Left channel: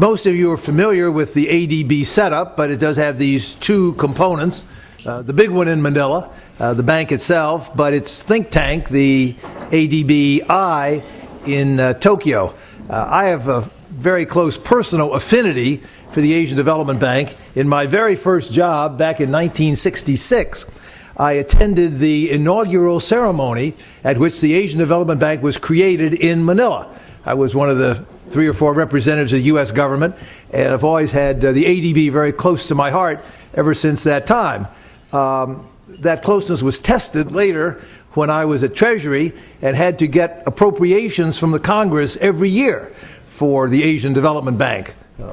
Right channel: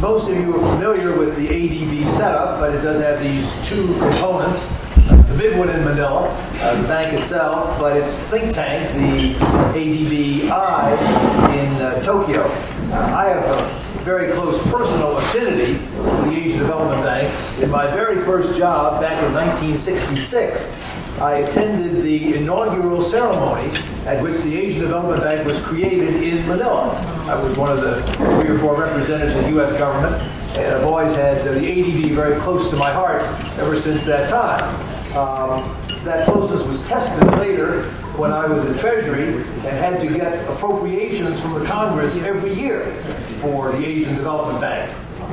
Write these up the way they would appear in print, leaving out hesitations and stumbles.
Most of you are familiar with the ADB setup, but it does have these two components. The big one in Manila, the bank itself, but its think tank, the ADB-I in Tokyo. I have a very close personal affinity to the Asian Development Bank. In my very first job back in 1966, I attended the inaugural ceremony at which the Asian Development Bank was created in Manila. I was one of the 3 or 4 representatives of the U.S. government, and I've always had the ADB very close to my heart ever since that time. That closeness was tested later when I was at Treasury and had to get appropriations from the Congress every year for the Asian Development Bank,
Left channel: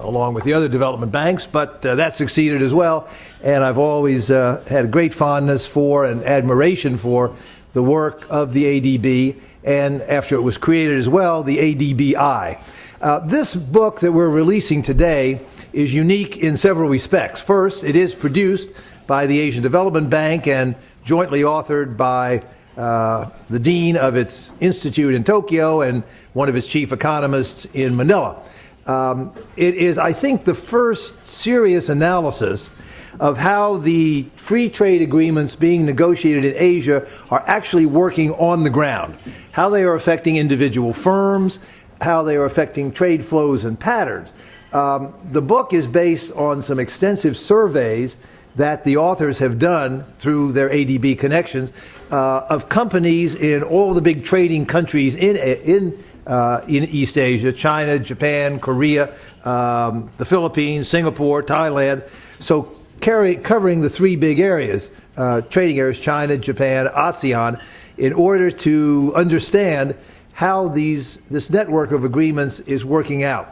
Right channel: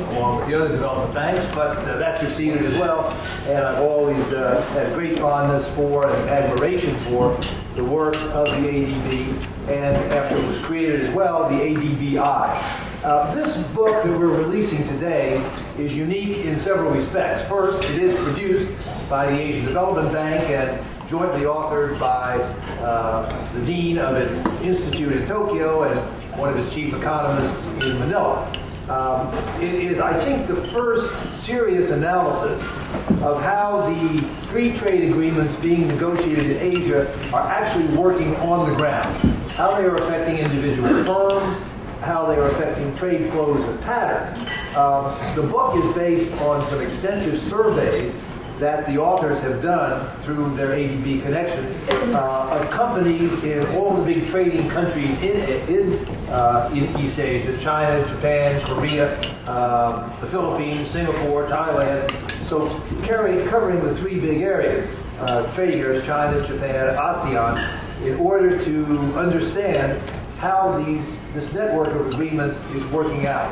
along with the other development banks, but that succeeded as well. And I've always had a great fondness for and admiration for the work of the ADB, and after it was created as well, the ADB-I. This book that we're releasing today is unique in several respects. First, it is produced by the Asian Development Bank and jointly authored by the dean of its institute in Tokyo and one of its chief economists in Manila. It is, I think, the first serious analysis of how the free trade agreements being negotiated in Asia are actually working on the ground, how they are affecting individual firms, how they are affecting trade flows and patterns. The book is based on some extensive surveys that the authors have done through their ADB connections of companies in all the big trading countries in East Asia: China, Japan, Korea, the Philippines, Singapore, Thailand. So covering the 3 big areas, trading areas: China, Japan, ASEAN, in order to understand how this network of agreements is working out.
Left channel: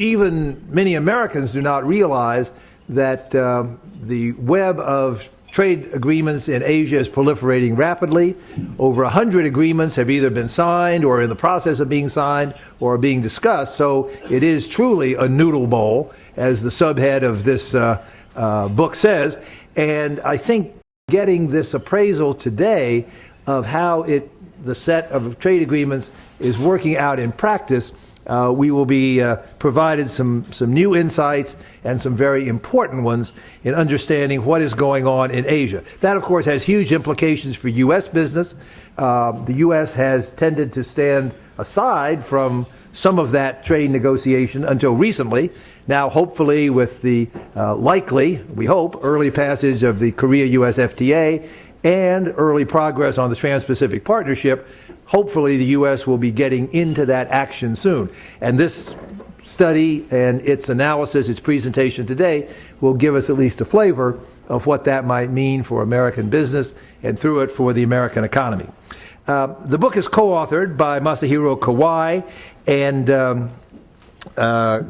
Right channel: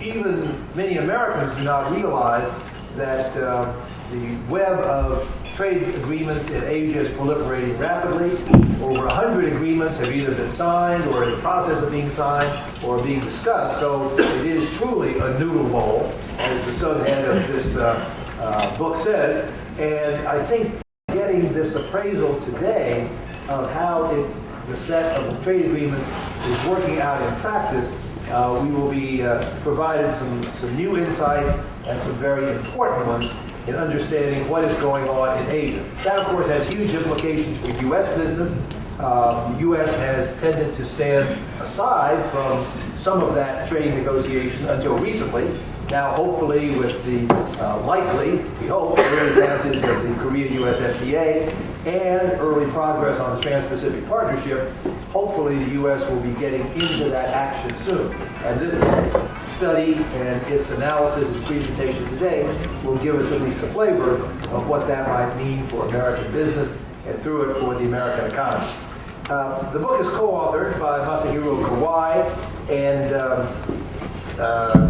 Even many Americans do not realize that the web of trade agreements in Asia is proliferating rapidly. Over 100 agreements have either been signed or in the process of being signed or are being discussed. So it is truly a noodle bowl, as the subhead of this book says. And I think getting this appraisal today of how the set of trade agreements is working out in practice, we will be provided some new insights and some very important ones in understanding what is going on in Asia. That, of course, has huge implications for U.S. business. The U.S. has tended to stand aside from some of that trade negotiation until recently. Now, hopefully, with the likely, we hope, early passage of the Korea-U.S. FTA and early progress on the Trans-Pacific Partnership, hopefully the U.S. will be getting into that action soon. And this study and its analysis, its presentation today, will give us at least a flavor of what that might mean for American business and through it for the American economy. The book is co-authored by Masahiro Kawai and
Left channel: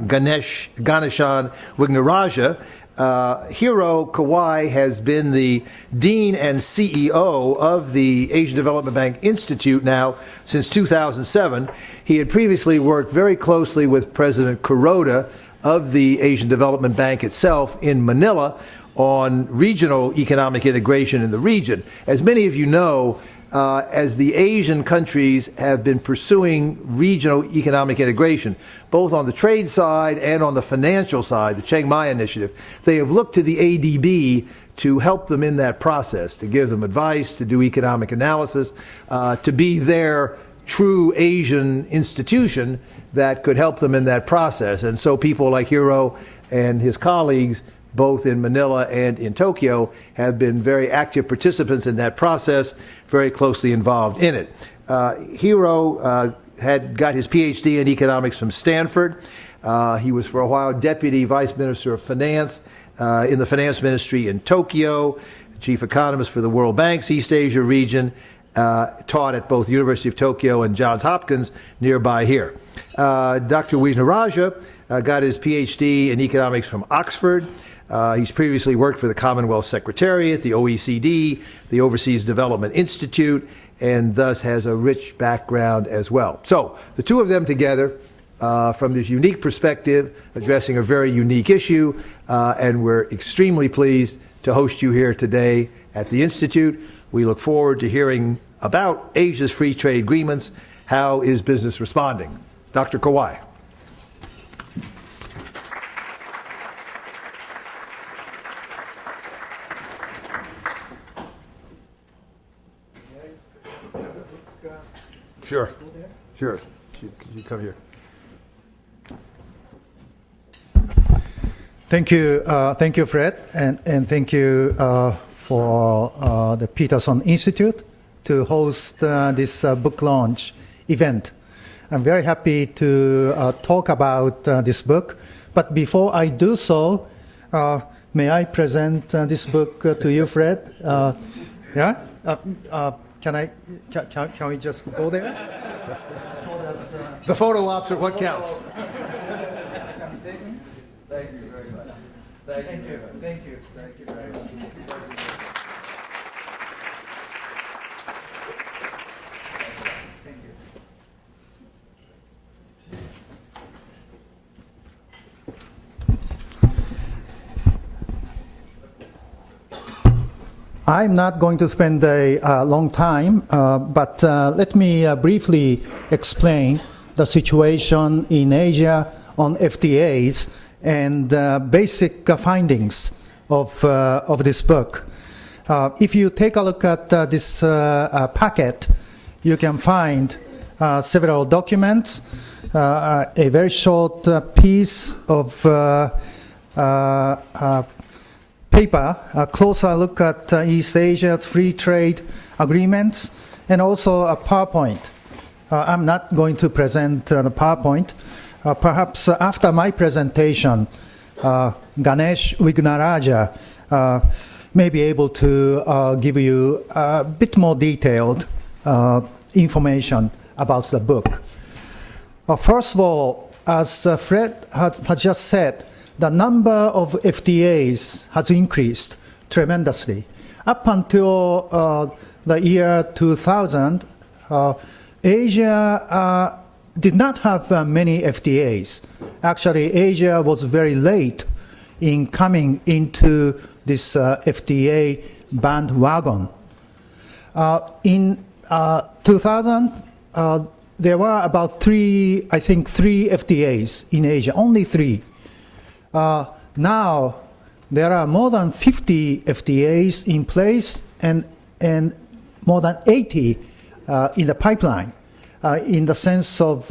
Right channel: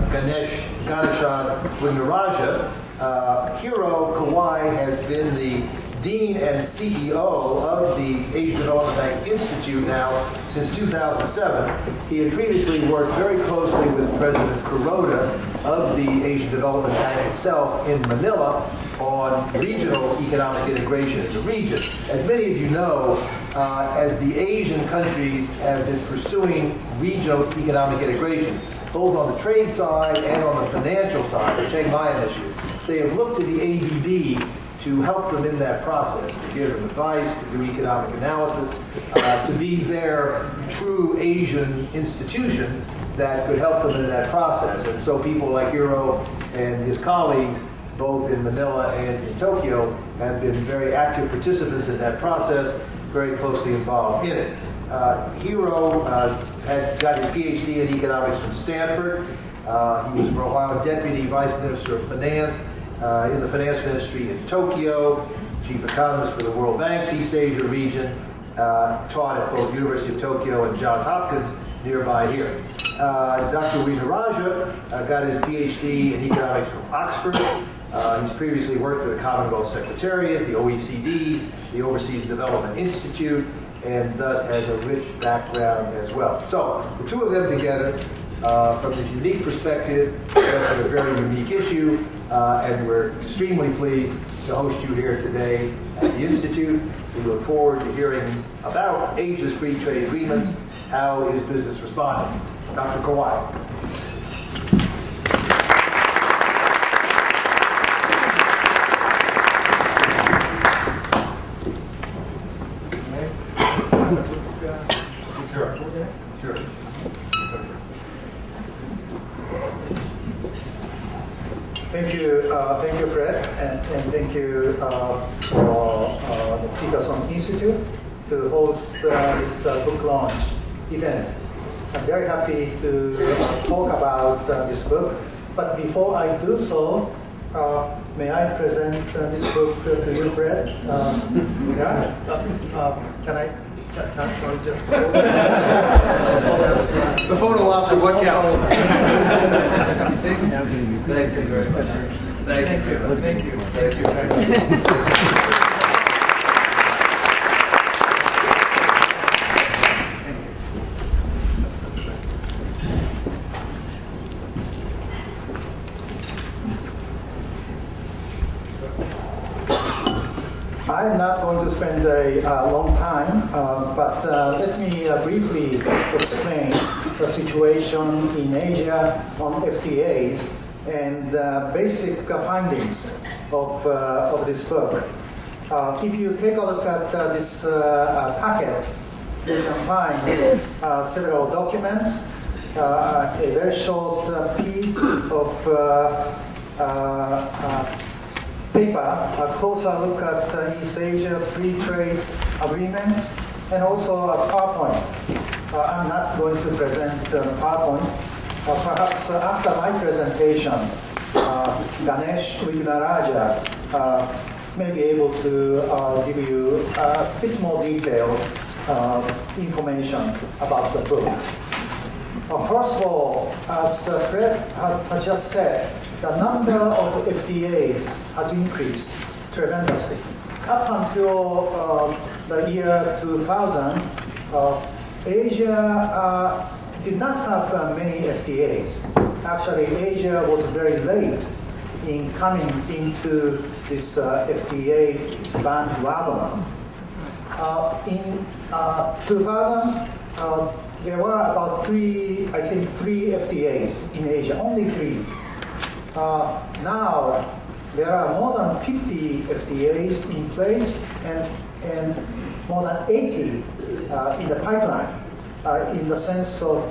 Ganeshan Wignaraja. Hiro Kawai has been the Dean and CEO of the Asian Development Bank Institute now since 2007. He had previously worked very closely with President Kuroda of the Asian Development Bank itself in Manila on regional economic integration in the region. As many of you know, as the Asian countries have been pursuing regional economic integration, both on the trade side and on the financial side, the Chiang Mai Initiative, they have looked to the ADB to help them in that process, to give them advice, to do economic analysis, to be their true Asian institution that could help them in that process. And so people like Hiro and his colleagues, both in Manila and in Tokyo, have been very active participants in that process, very closely involved in it. Hiro had got his PhD in economics from Stanford. He was for a while Deputy Vice Minister of Finance in the Finance Ministry in Tokyo, Chief Economist for the World Bank's East Asia region, taught at both University of Tokyo and Johns Hopkins nearby here. Dr. Wignaraja got his PhD in economics from Oxford. He's previously worked for the Commonwealth Secretariat, the OECD, the Overseas Development Institute, and thus has a rich background as well. So the two of them together, from this unique perspective, addressing a very unique issue, and we're extremely pleased to host you here today at the Institute. We look forward to hearing about Asia's free trade agreements. How is business responding? Dr. Kawai. Thank you, Fred, and thank you for the Peterson Institute to host this book launch event. I'm very happy to talk about this book, but before I do so, may I present this book to you, Fred? Yeah? Can we just hold it? The photo ops are what counts. Thank you very much. Thank you. Thank you very much. I'm not going to spend a long time, but let me briefly explain the situation in Asia on FTAs and basic findings of this book. If you take a look at this packet, you can find several documents, a very short piece of paper, a closer look at East Asia's free trade agreements, and also a PowerPoint. I'm not going to present the PowerPoint. Perhaps after my presentation, Ganeshan Wignaraja may be able to give you a bit more detailed information about the book. First of all, as Fred has just said, the number of FTAs has increased tremendously. Up until the year 2000, Asia did not have many FTAs. Actually, Asia was very late in coming into this FTA bandwagon. In 2000, there were about three FTAs in Asia, only three. Now, there are more than 50 FTAs in place and more than 80 in the pipeline, in the sense of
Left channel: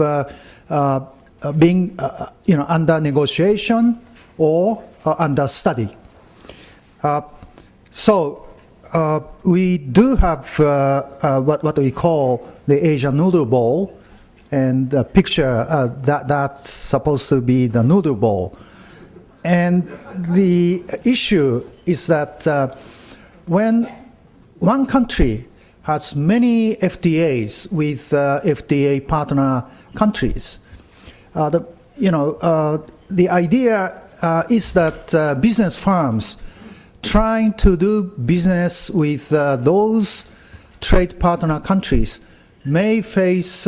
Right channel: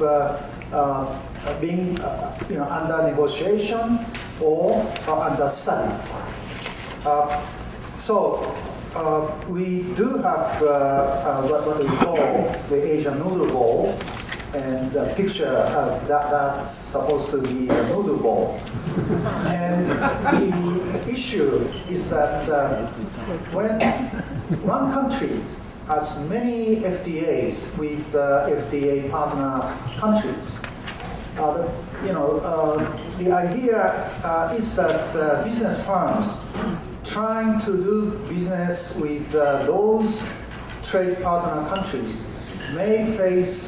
being under negotiation or under study. So we do have what we call the Asian noodle bowl, and the picture that's supposed to be the noodle bowl. And the issue is that when one country has many FTAs with FTA partner countries, the idea is that business firms trying to do business with those trade partner countries may face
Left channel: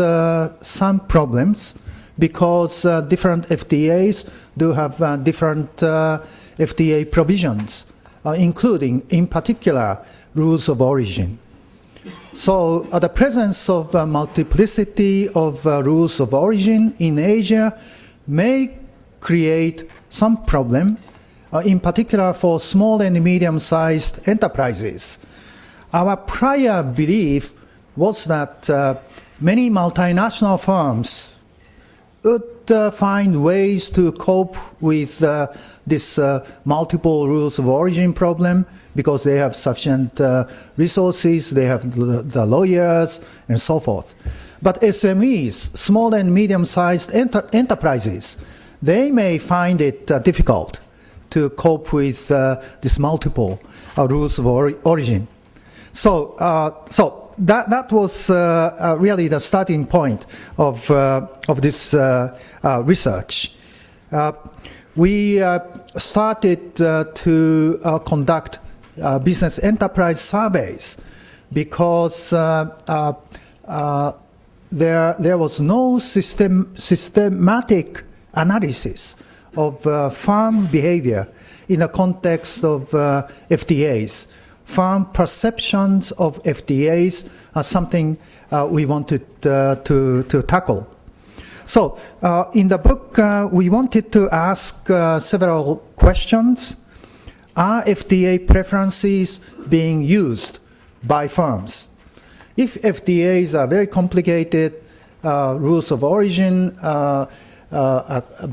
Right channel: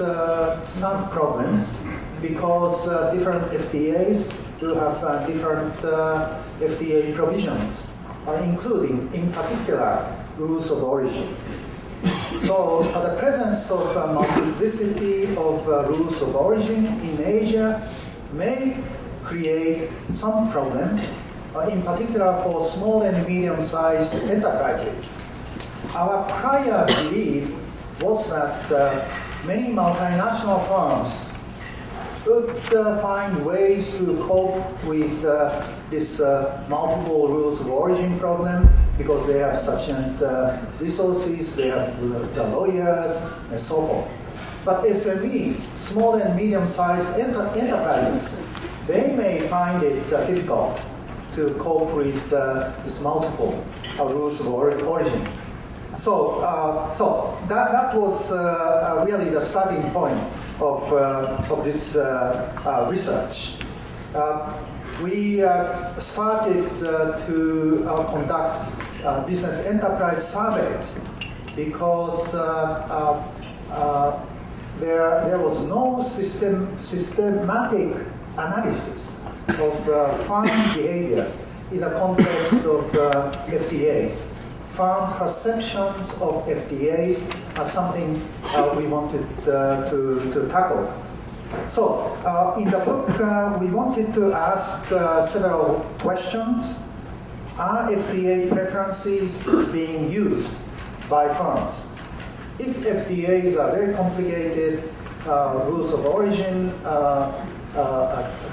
some problems because different FTAs do have different FTA provisions, including, in particular, rules of origin. So the presence of multiplicity of rules of origin in Asia may create some problem, in particular for small and medium-sized enterprises. Our prior belief was that many multinational firms would find ways to cope with this multiple rules of origin problem because they have sufficient resources, they have the lawyers, and so forth. But SMEs, small and medium-sized enterprises, they may find it difficult to cope with this multiple rules of origin. So that was really the starting point of this research. We started to conduct business enterprise surveys because there was no systematic analysis of firm behavior in the context of FTAs. Firm perceptions of FTAs are something we wanted to tackle. So in the book, we wanted to ask several questions. Are FTA preferences being used by firms? If FTAs are very complicated, rules of origin a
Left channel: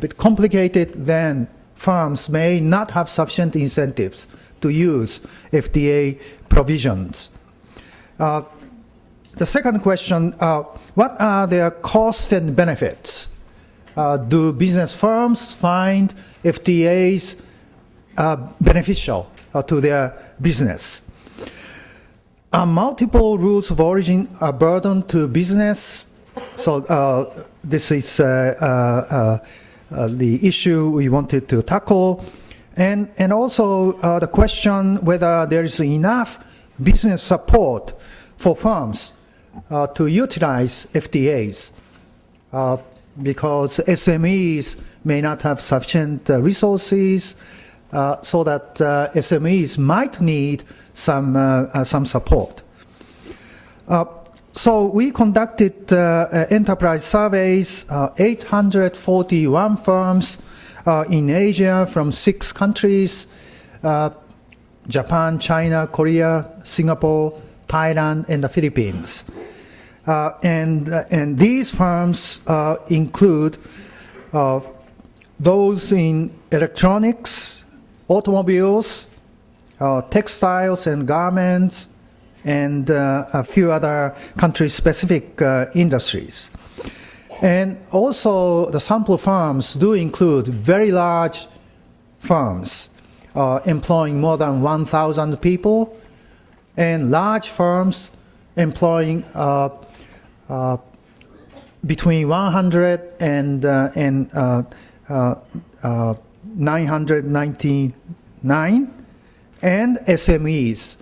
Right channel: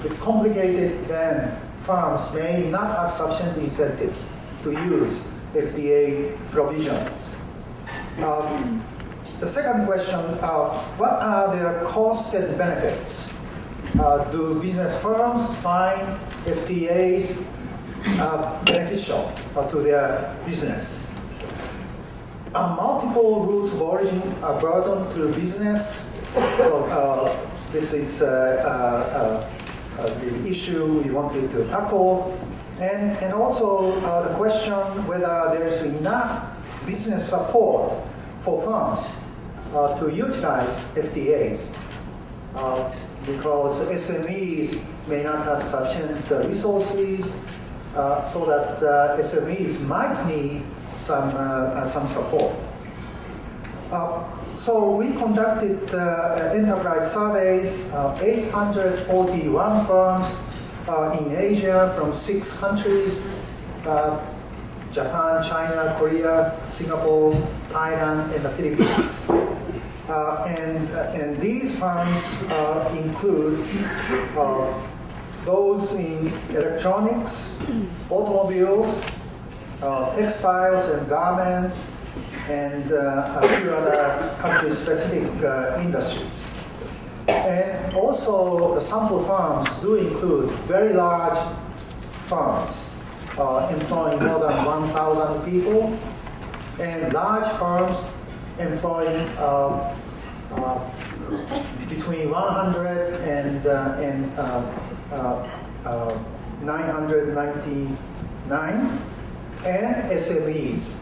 bit complicated, then firms may not have sufficient incentives to use FTA provisions. The second question, what are their costs and benefits? Do business firms find FTAs beneficial to their business? Are multiple rules of origin a burden to business? So this is the issue we wanted to tackle. And also the question whether there is enough business support for firms to utilize FTAs, because SMEs may not have sufficient resources, so that SMEs might need some support. So we conducted enterprise surveys, 841 firms in Asia from 6 countries, Japan, China, Korea, Singapore, Thailand, and the Philippines. And these firms include those in electronics, automobiles, textiles and garments, and a few other country-specific industries. And also the sample firms do include very large firms employing more than 1,000 people, and large firms employing between 100 and 999, and SMEs,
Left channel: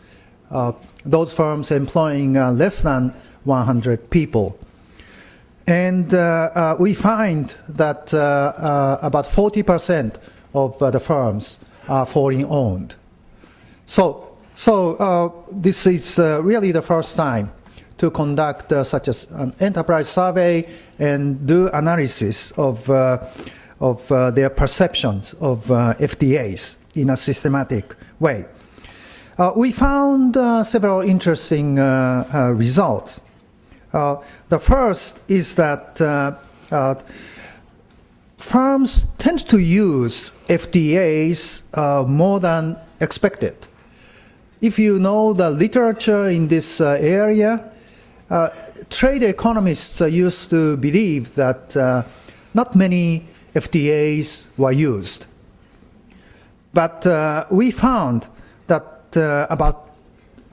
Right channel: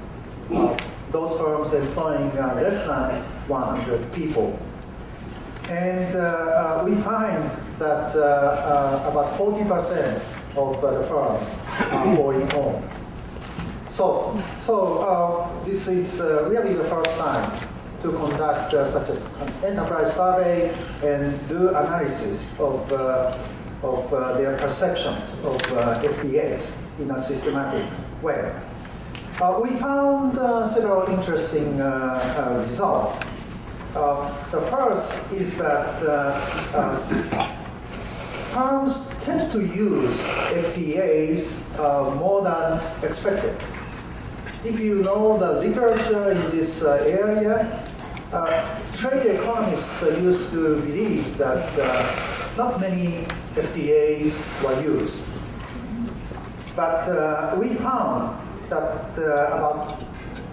those firms employing less than 100 people. And we find that about 40% of the firms are foreign owned. So this is really the first time to conduct such an enterprise survey and do analysis of their perceptions of FTAs in a systematic way. We found several interesting results. The first is that firms tend to use FTAs more than expected. If you know the literature in this area, trade economists used to believe that not many FTAs were used. But we found that about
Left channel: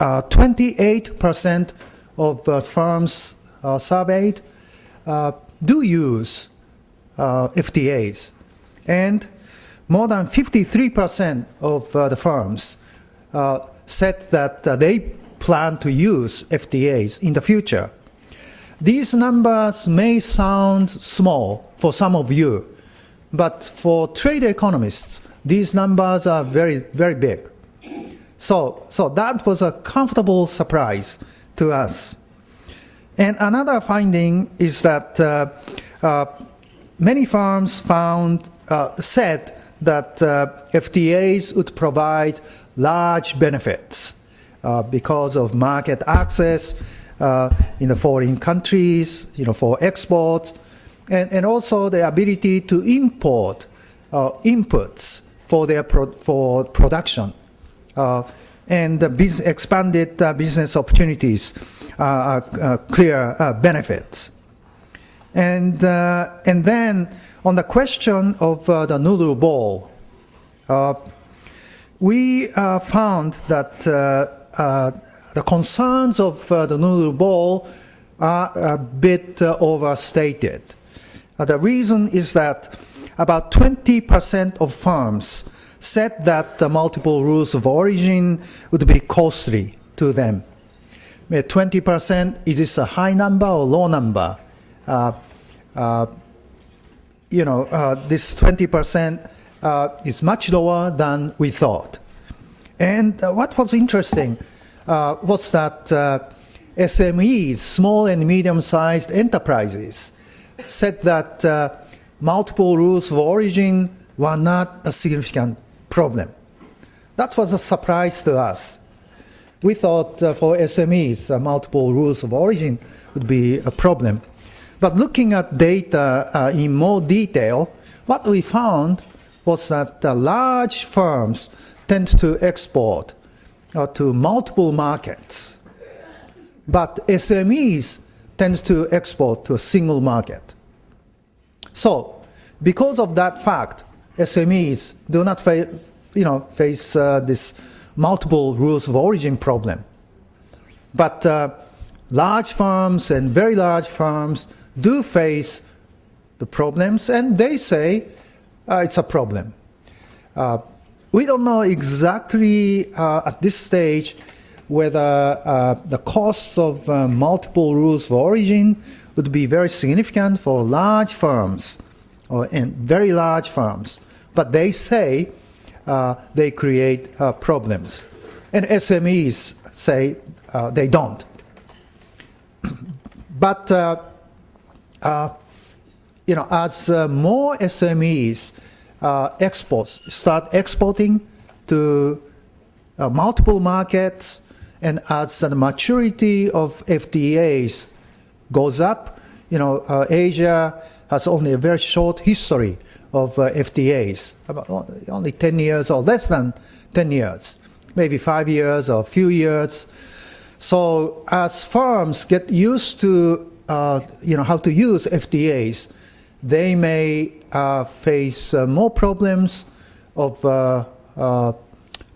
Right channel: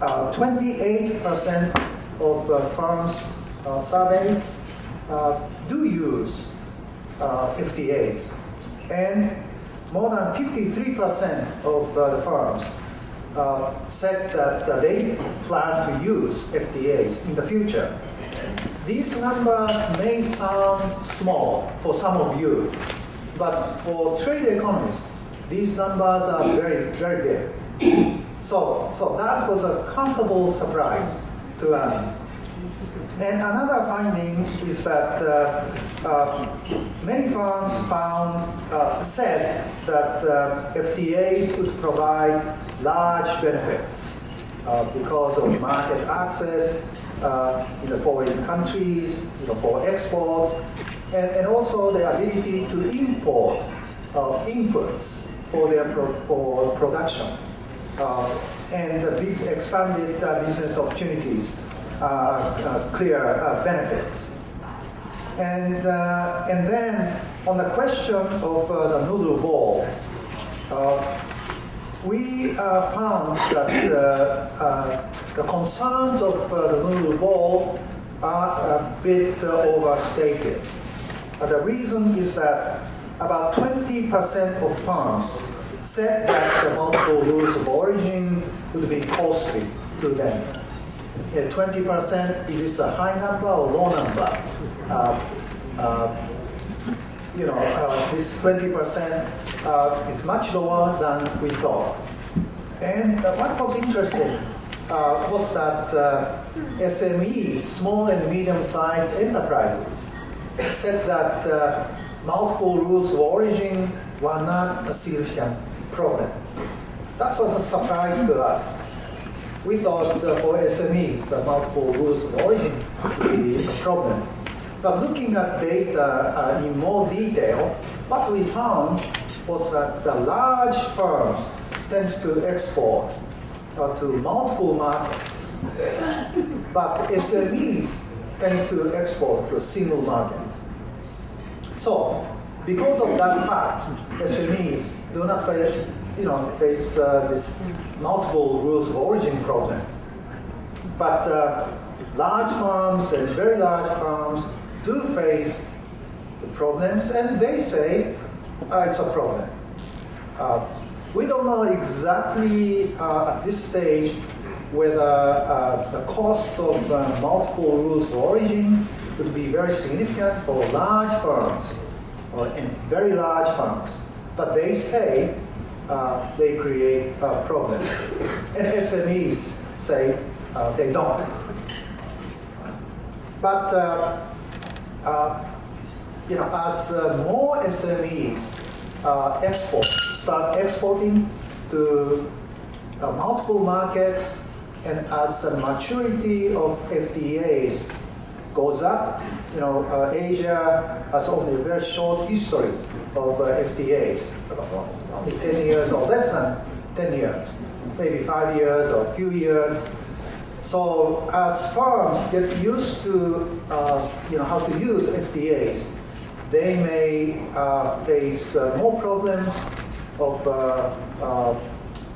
28% of firms surveyed do use FTAs, and more than 53% of the firms said that they plan to use FTAs in the future. These numbers may sound small for some of you, but for trade economists, these numbers are very, very big. So that was a comfortable surprise to us. And another finding is that many firms said that FTAs would provide large benefits because of market access in the foreign countries, for exports, and also the ability to import inputs for production, and the expanded business opportunities are clear benefits. And then on the question of the noodle ball, we found that the concerns of the noodle ball are a bit overstated. The reason is that about 20% of firms said that the multiple rules of origin would be costly to them. 20%, is this a high number or low number? This 20% is much lower than we thought. And what was interesting was that SMEs, small and medium-sized enterprises, said that multiple rules of origin were not a significant problem. That was a surprise to us. We thought for SMEs, multiple rules of origin would be a problem. But looking at data in more detail, what we found was that the large firms tend to export to multiple markets, but SMEs tend to export to a single market. So, because of that fact, SMEs do not face this multiple rules of origin problem. But large firms and very large firms do face the problems, and they say it's a problem. We don't know exactly at this stage whether the costs of multiple rules of origin would be very significant for large firms and very large firms. But they say they create problems. And SMEs say they don't. But as more SMEs start exporting to multiple markets, and as the maturity of FTAs goes up, Asia has only a very short history of FTAs, only 10 years or less than 10 years, maybe 5 years or a few years. So as firms get used to how to use FTAs, they may face more problems of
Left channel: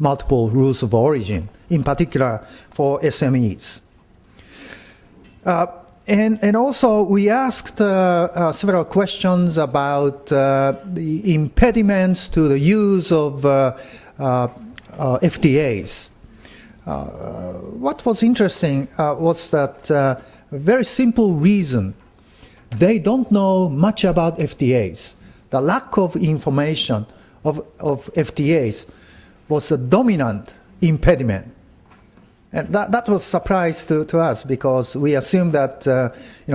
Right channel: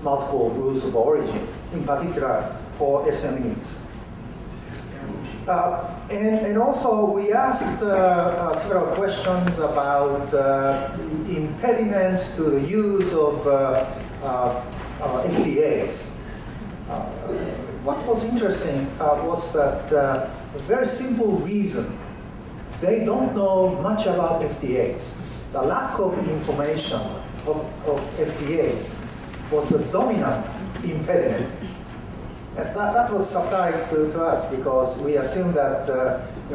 multiple rules of origin, in particular for SMEs. And also we asked several questions about impediments to the use of FTAs. What was interesting was that a very simple reason: they don't know much about FTAs. The lack of information of FTAs was a dominant impediment. And that was a surprise to us, because we assumed that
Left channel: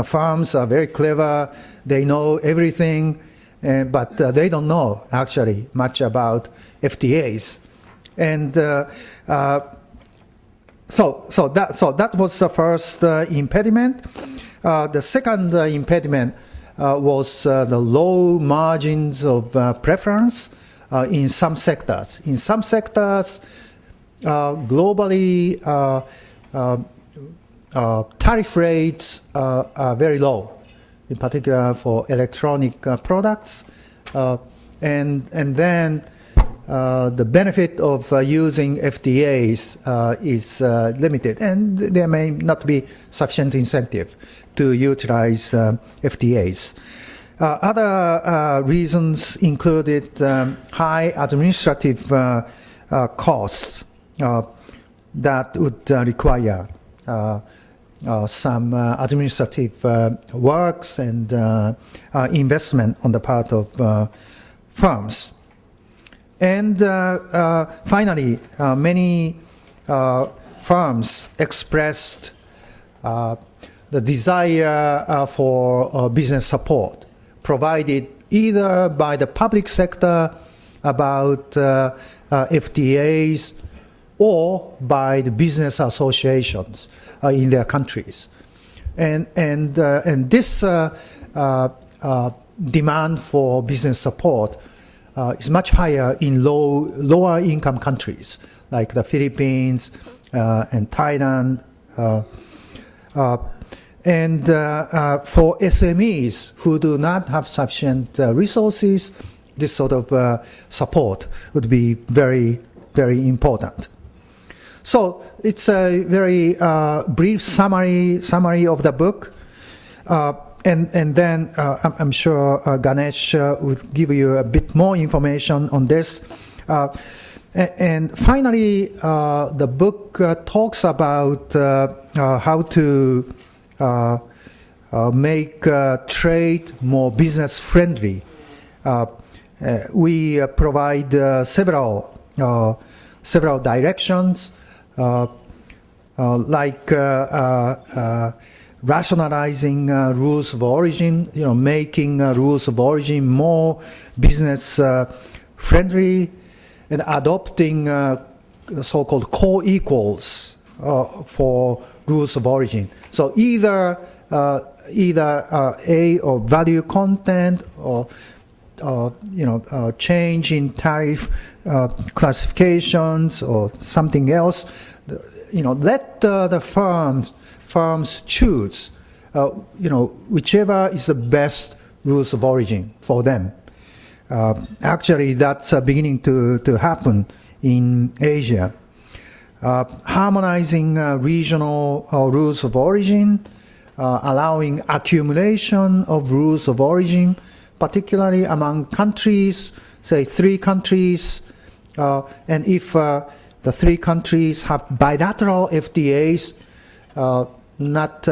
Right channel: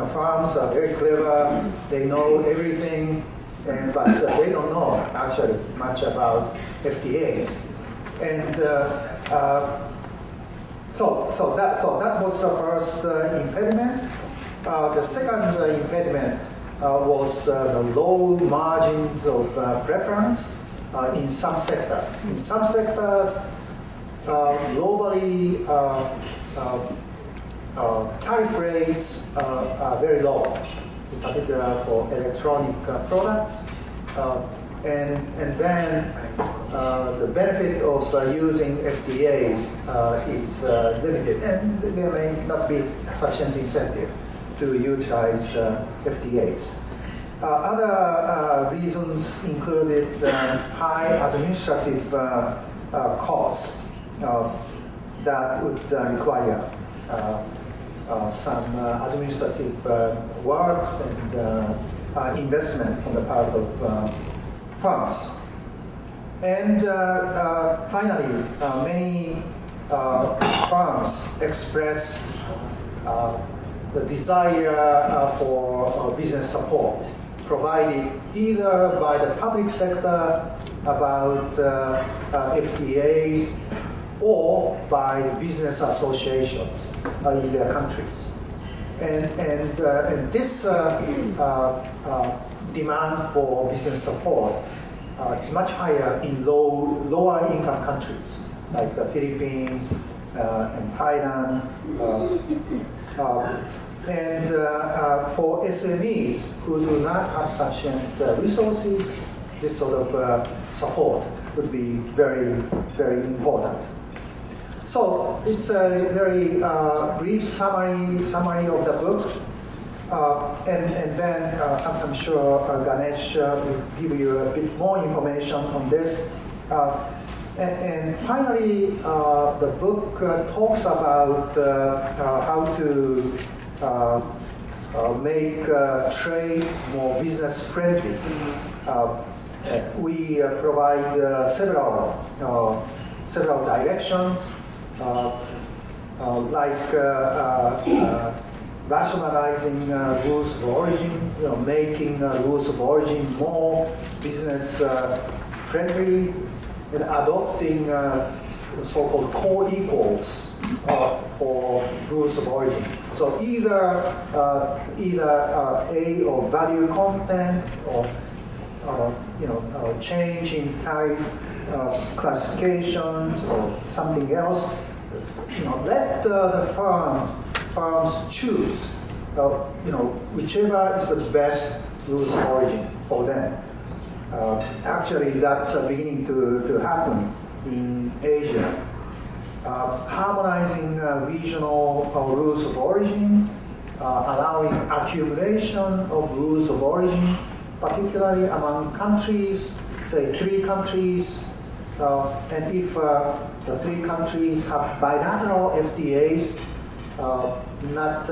firms are very clever, they know everything, but they don't know actually much about FTAs. And so that was the first impediment. The second impediment was the low margins of preference in some sectors. In some sectors, globally, tariff rates are very low, in particular for electronic products, and then the benefit of using FTAs is limited, and there may not be sufficient incentive to utilize FTAs. Other reasons included high administrative costs that would require some administrative works and investment on the part of firms. And finally, many firms expressed the desire for business support provided either by the public sector about FTAs or by the business associations in their countries. And this demand for business support is much higher in lower income countries like the Philippines and Thailand. And for SMEs who do not have sufficient resources, this sort of support would be very, very important. So it's a very brief summary of the book. And then I'm sure Ganesh will give you a bit more information on this. And finally, the book talks about how to make trade more business friendly. We provide several directions, like rationalizing rules of origin, making rules of origin more business friendly, and adopting so-called co-equals for rules of origin. So either A or value content, or change in tariff classifications or something else, let the firms choose, whichever is the best rules of origin for them. Actually, that's beginning to happen in Asia. Harmonizing regional rules of origin, allowing accumulation of rules of origin, particularly among countries, say 3 countries, and if the 3 countries have bilateral FTAs, not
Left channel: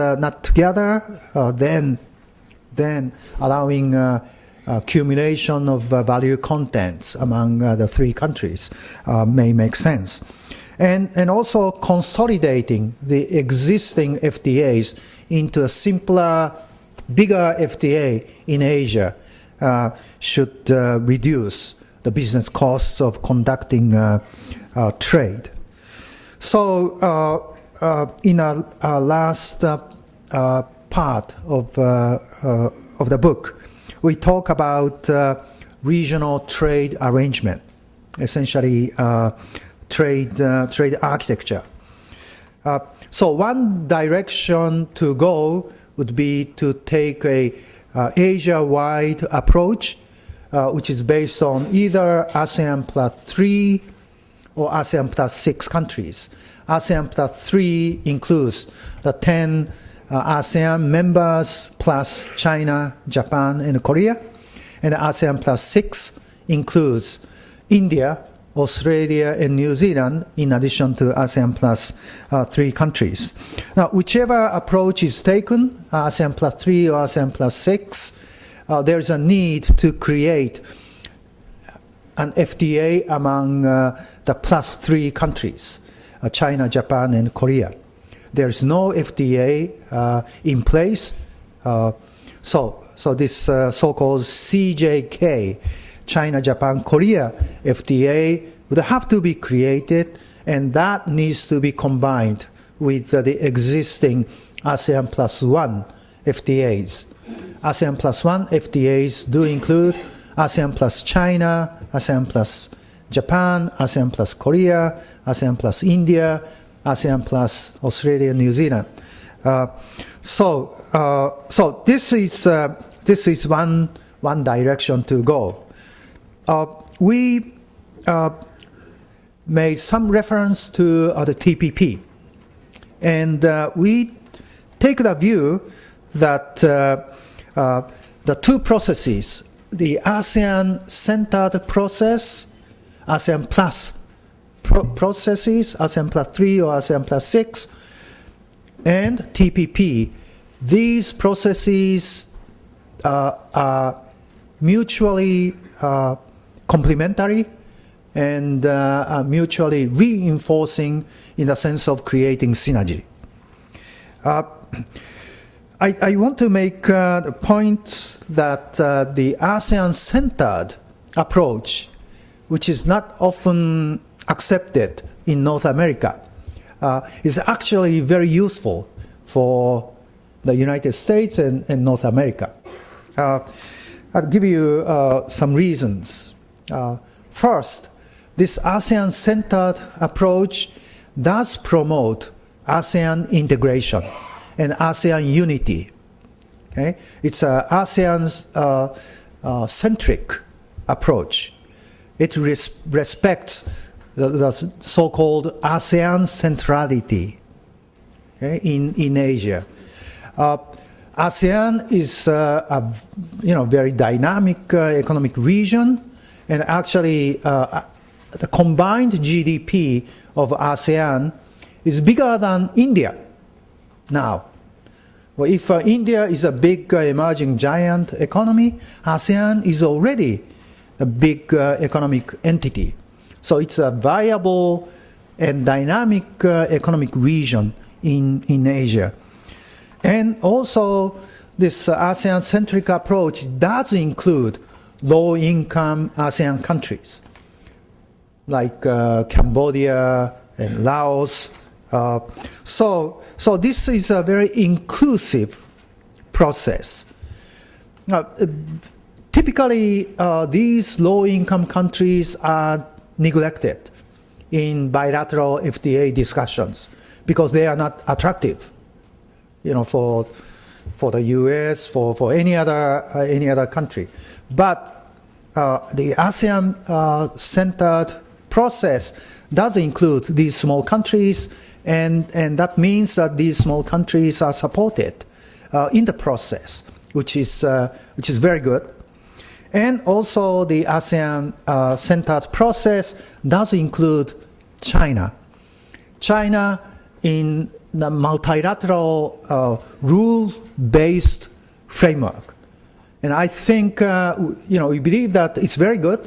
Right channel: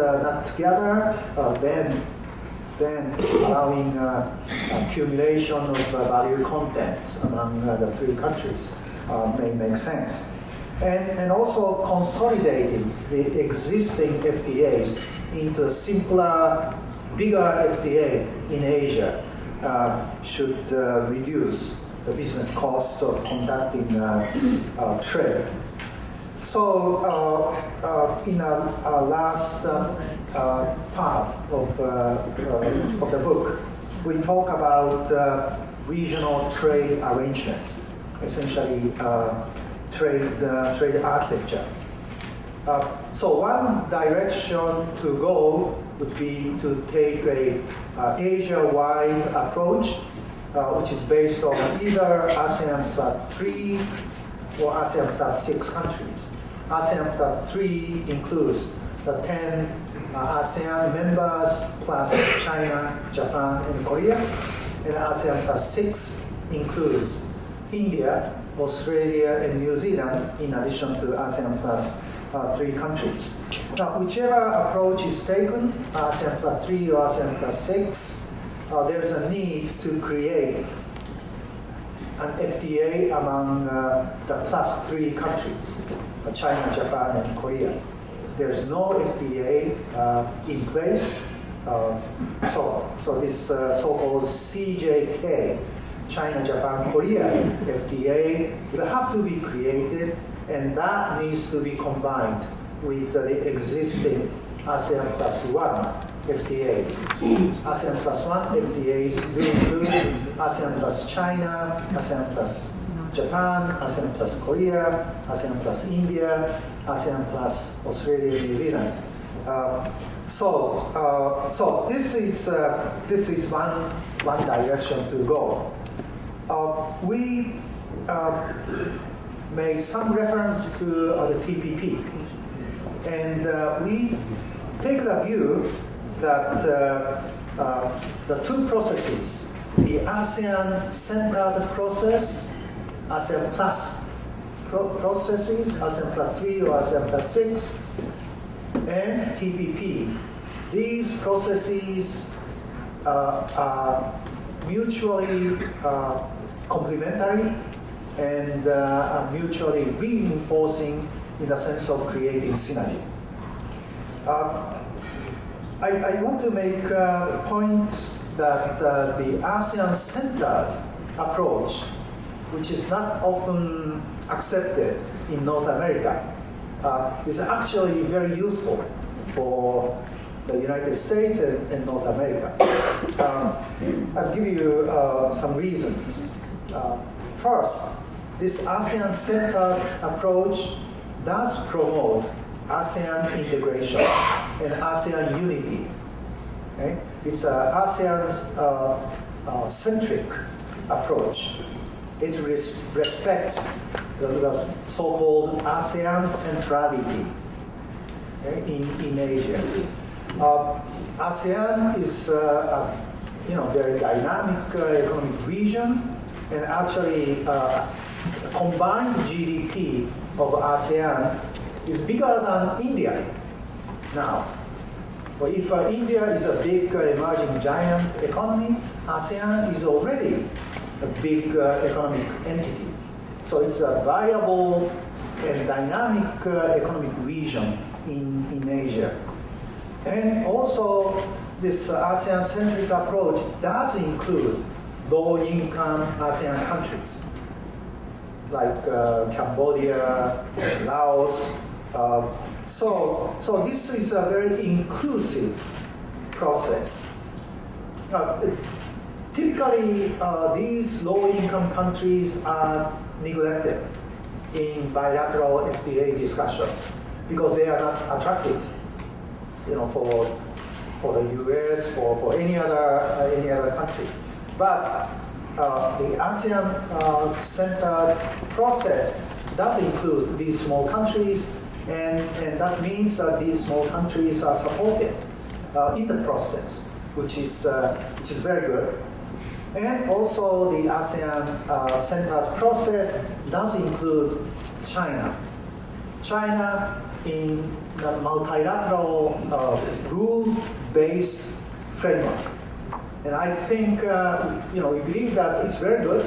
together, then allowing accumulation of value contents among the 3 countries may make sense. And also consolidating the existing FTAs into a simpler, bigger FTA in Asia should reduce the business costs of conducting trade. So in our last part of the book, we talk about regional trade arrangement, essentially trade architecture. So one direction to go would be to take a Asia-wide approach, which is based on either ASEAN plus 3 or ASEAN plus 6 countries. ASEAN plus 3 includes the 10 ASEAN members plus China, Japan, and Korea. And ASEAN plus 6 includes India, Australia, and New Zealand, in addition to ASEAN plus 3 countries. Now, whichever approach is taken, ASEAN plus 3 or ASEAN plus 6, there's a need to create an FTA among the plus 3 countries, China, Japan, and Korea. There's no FTA in place, so this so-called CJK, China, Japan, Korea FTA would have to be created, and that needs to be combined with the existing ASEAN plus 1 FTAs. ASEAN plus 1 FTAs do include ASEAN plus China, ASEAN plus Japan, ASEAN plus Korea, ASEAN plus India, ASEAN plus Australia, New Zealand. So this is one direction to go. We made some reference to the TPP, and we take the view that the 2 processes, the ASEAN-centered process, ASEAN plus processes, ASEAN plus 3 or ASEAN plus 6, and TPP, these processes are mutually complementary and mutually reinforcing in the sense of creating synergy. I want to make the point that the ASEAN-centered approach, which is not often accepted in North America, is actually very useful for the United States and North America. I'll give you some reasons. First, this ASEAN-centered approach does promote ASEAN integration and ASEAN unity. Okay? It's an ASEAN's centric approach. It respects the so-called ASEAN centrality, okay, in Asia. ASEAN is a very dynamic economic region, and actually the combined GDP of ASEAN is bigger than India now. Well, if India is a big emerging giant economy, ASEAN is already a big economic entity. So it's a viable and dynamic economic region in Asia. And also, this ASEAN-centric approach does include low-income ASEAN countries, like Cambodia, Laos. So this is a very inclusive process. Now, typically, these low-income countries are neglected in bilateral FTA discussions because they are not attractive, for the U.S., for any other country. But the ASEAN-centered process does include these small countries, and that means that these small countries are supported in the process, which is very good. And also the ASEAN-centered process does include China. China in the multilateral rule-based framework. And I think, we believe that it's very good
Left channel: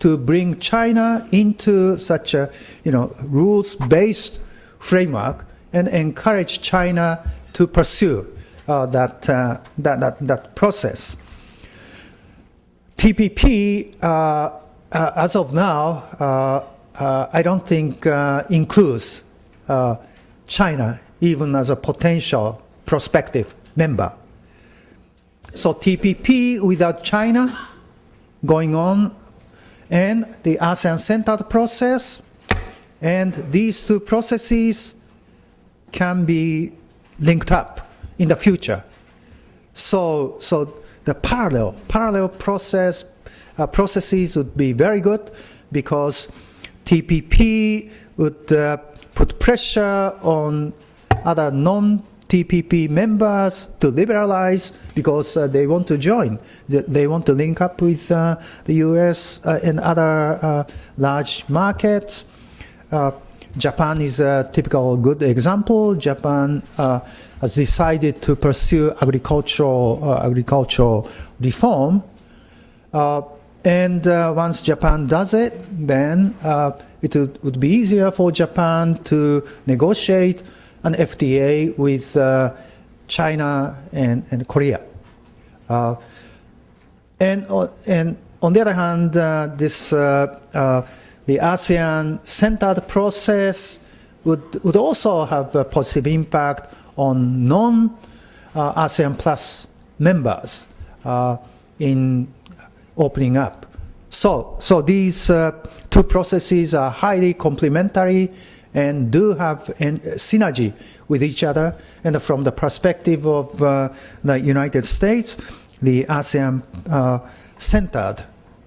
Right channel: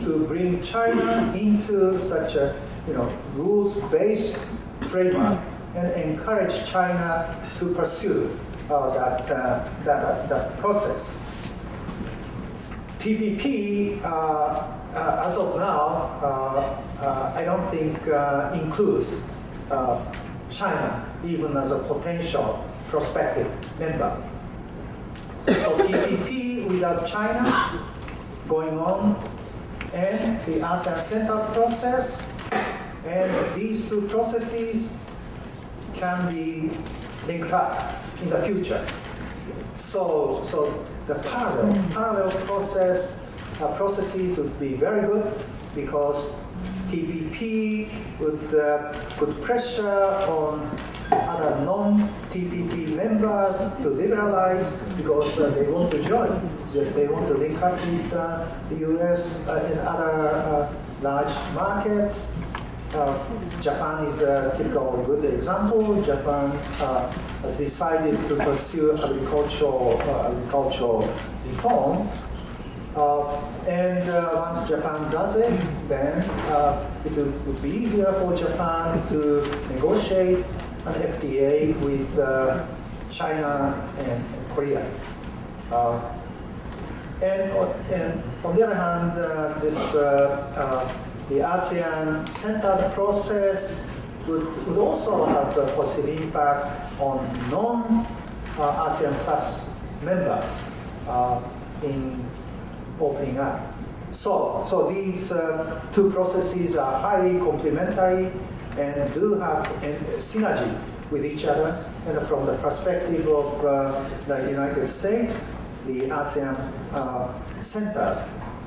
to bring China into such a, rules-based framework and encourage China to pursue that process. TPP, as of now, I don't think includes China even as a potential prospective member. So TPP without China going on, and the ASEAN-centered process, and these two processes can be linked up in the future. So the parallel processes would be very good, because TPP would put pressure on other non-TPP members to liberalize, because they want to join. They want to link up with the US and other large markets. Japan is a typical good example. Japan has decided to pursue agricultural reform. And once Japan does it, then it would be easier for Japan to negotiate an FTA with China and Korea. And on the other hand, the ASEAN-centered process would also have a positive impact on non-ASEAN Plus members in opening up. So these two processes are highly complementary and do have synergy with each other. And from the perspective of the United States, the ASEAN-centered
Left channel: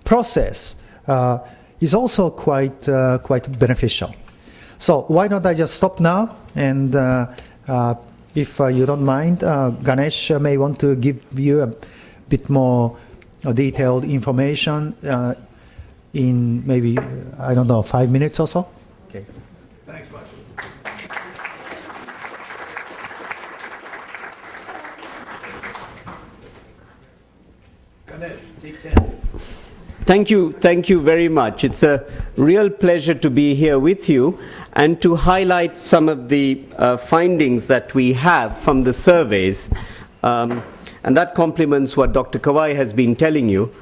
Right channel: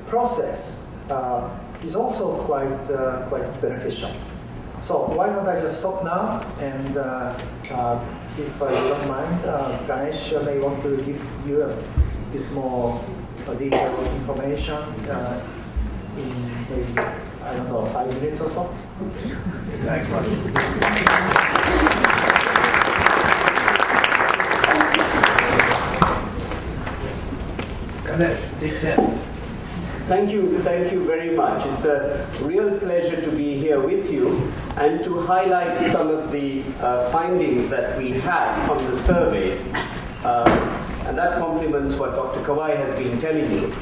process is also quite beneficial. So why don't I just stop now? And if you don't mind, Ganesh may want to give you a bit more detailed information in maybe, 5 minutes or so. Thanks, Mark. Ganesh, take 10. Thank you very much. It's a real pleasure to be here with you and to highlight some of the findings that we have from the surveys. And that complements what Dr. Kawai has been telling you.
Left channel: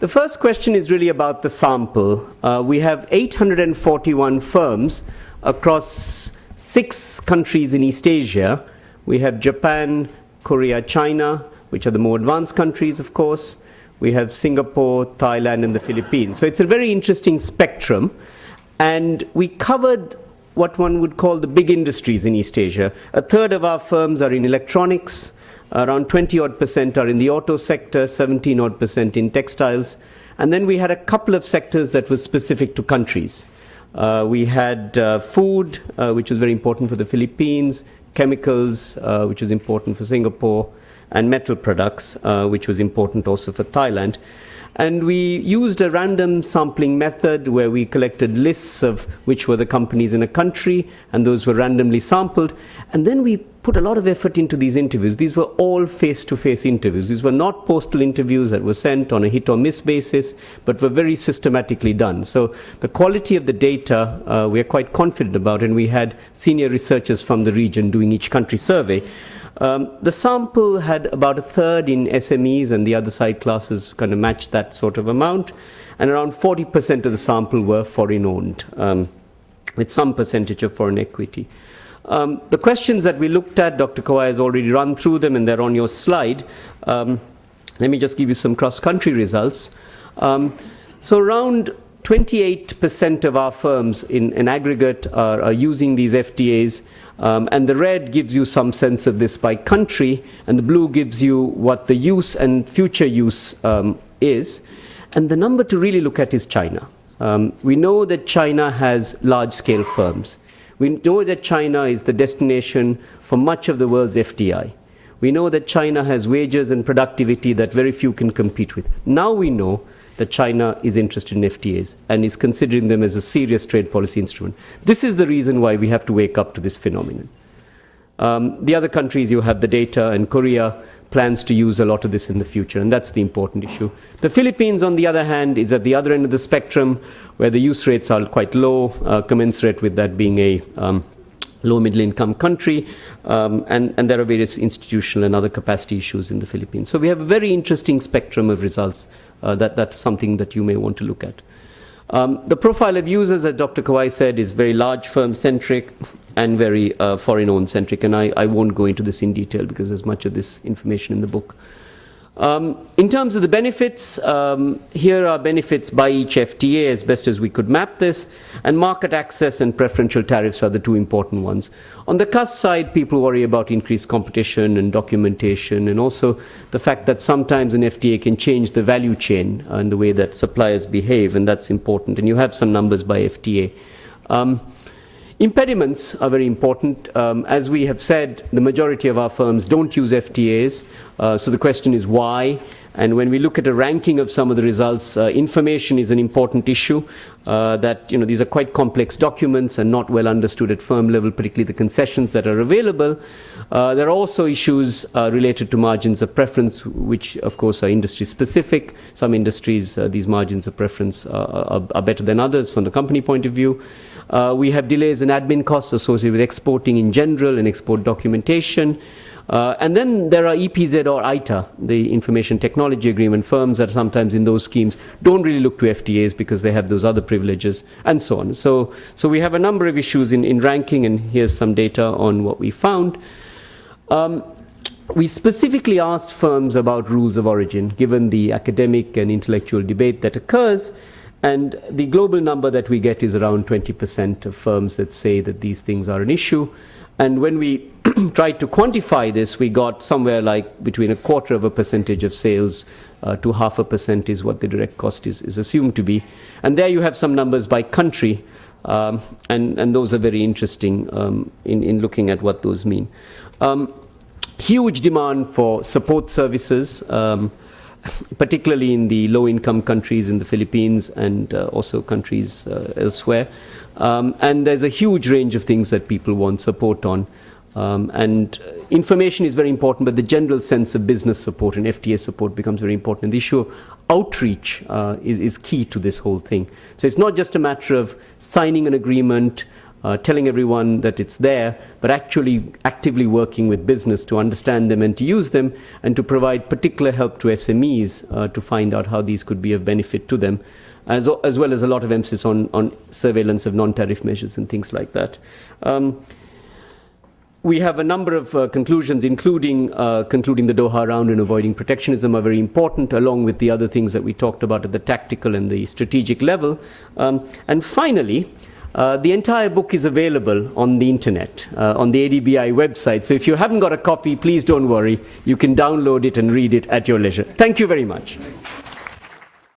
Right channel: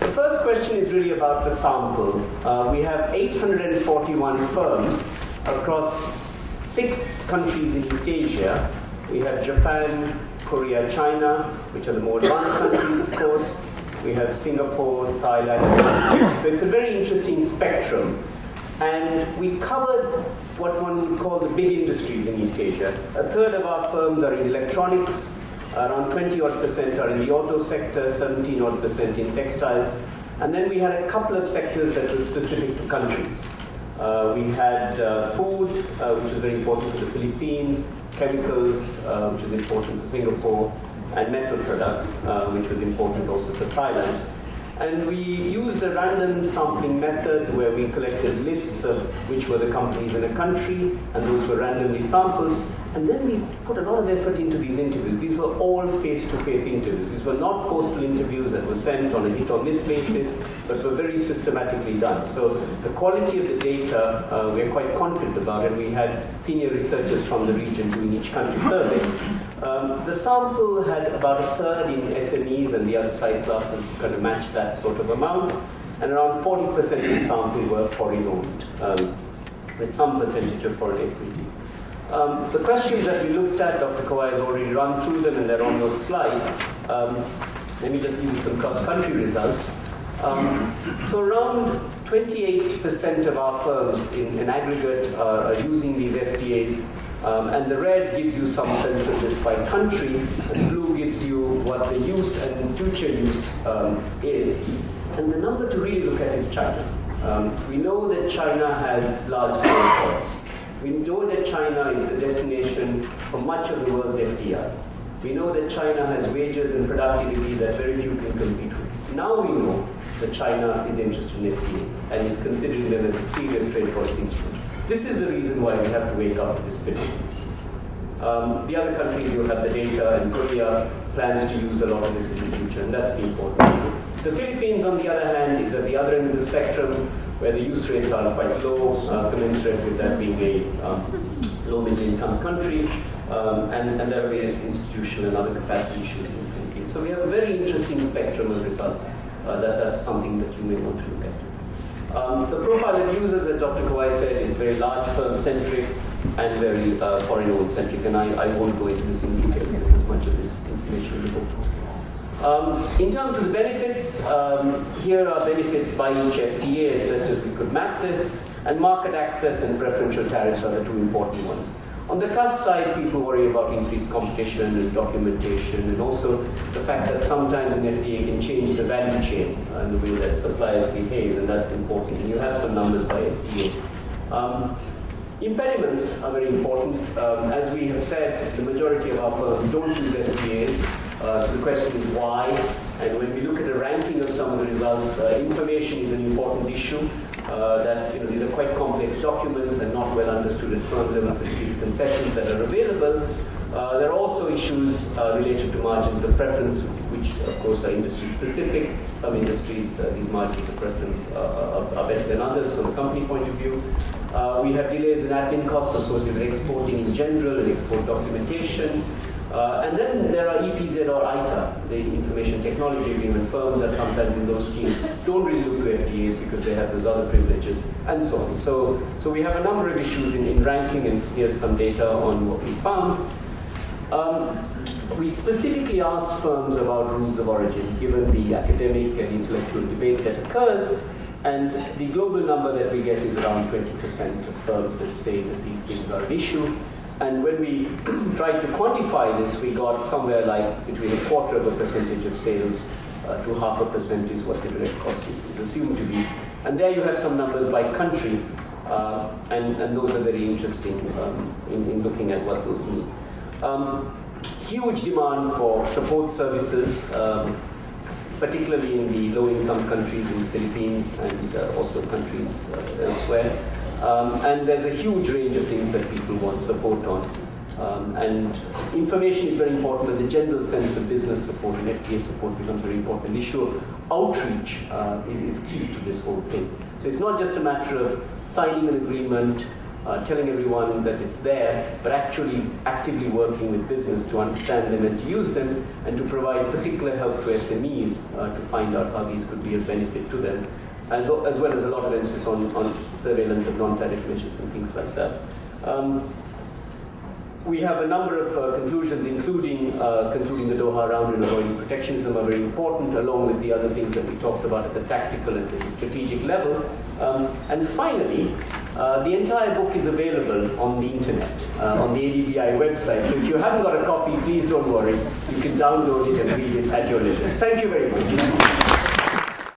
The first question is really about the sample. We have 841 firms across 6 countries in East Asia. We have Japan, Korea, China, which are the more advanced countries, of course. We have Singapore, Thailand, and the Philippines. So it's a very interesting spectrum. And we covered what one would call the big industries in East Asia. A third of our firms are in electronics. Around 20% are in the auto sector, 17% in textiles. And then we had a couple of sectors that were specific to countries. We had food, which was very important for the Philippines, chemicals, which was important for Singapore, and metal products, which was important also for Thailand. And we used a random sampling method where we collected lists of which were the companies in a country, and those were randomly sampled. And then we put a lot of effort into these interviews. These were all face-to-face interviews. These were not postal interviews that were sent on a hit-or-miss basis, but were very systematically done. So the quality of the data we are quite confident about, and we had senior researchers from the region doing each country survey. The sample had about a third in SMEs, and the other side classes kind of matched that sort of amount. And around 40% of the sample were foreign-owned, with some percentage of foreign equity. The questions that we looked at, Dr. Kawai has already run through them, and they're on your slide. Let me just give you some cross-country results. So around 28% of our firms in aggregate are using these FTAs, and the red gives you some sense of this by country, and the blue gives you what the use and future use is. And the number to really look at is China. We know that China has large-scale firms. We know that China is the destination for much of the world's FDI. We know that China has wages and productivity that very few can compete with. Now we know that China is interested in FTAs and is considering them as a serious trade policy instrument. This is the reason why we have to wake up to this phenomenon. The other countries, you have the data, and Korea plans to use a lot of this in the future, and that's the important issue. The Philippines, on the other hand, is at the other end of the spectrum, where the use rates are quite low, commensurate with that being a low middle income country, and there are various institutional and other capacity issues in the Philippines. So we have a very interesting spectrum of results. That's something that you may want to look at. The profile of users, as Dr. Kawai said, is very large firm-centric and very foreign-owned-centric, and I won't go into this in detail because there's much of this information in the book. In terms of the benefits, here are benefits by each FTA as best as we could map this, and market access and preferential tariffs are the two important ones. On the cost side, people worry about increased competition and documentation, and also the fact that sometimes an FTA can change the value chain and the way that suppliers behave, and that's important. And you have some numbers by FTA. Impediments are very important. As we have said, the majority of our firms don't use FTAs, so the question is why? And when we look at a ranking of some of the results, information is an important issue. That these are quite complex documents and not well understood at firm level, particularly the concessions that are available. There are also issues related to margins of preference, which of course are industry specific. Some industries, these margins of preference are better than others from the company point of view. We have delays in admin costs associated with exporting in general and export documentation. And then there are EPZ or ITA, the Information Technology Agreement. Firms that sometimes in those schemes don't really look to FTAs because they have those other privileges, and so on. So we have a number of issues in ranking, and here's some data on what we found. We specifically asked firms about rules of origin, given the academic and intellectual debate that occurs, and the global number that we get is around 20% of firms that say that these things are an issue. And when we tried to quantify this, we got somewhere like between 0.25% of sales to 0.5% is what the direct cost is assumed to be. And there you have some numbers by country, and those are very interesting in looking at what those mean. Huge demand for support services, particularly in the low-income countries in the Philippines and also countries elsewhere. And there's a huge range of things that people want support on. And information is very important, but the general sense of business support and FTA support becomes very important. The issue of outreach is key to this whole thing. So it's not just a matter of signing an agreement, telling everyone that it's there, but actually actively working with business to understand them and to use them, and to provide particular help to SMEs to find out how these could be of benefit to them. As well as a lot of emphasis on surveillance of non-tariff measures and things like that. We have a number of conclusions, including concluding the Doha round and avoiding protectionism are very important, along with the other things that we talked about at the tactical and the strategic level. And finally, the entire book is available on the internet, on the ADBI website. So if you haven't got a copy, please don't worry. You can download it and read it at your leisure. Thank you very much.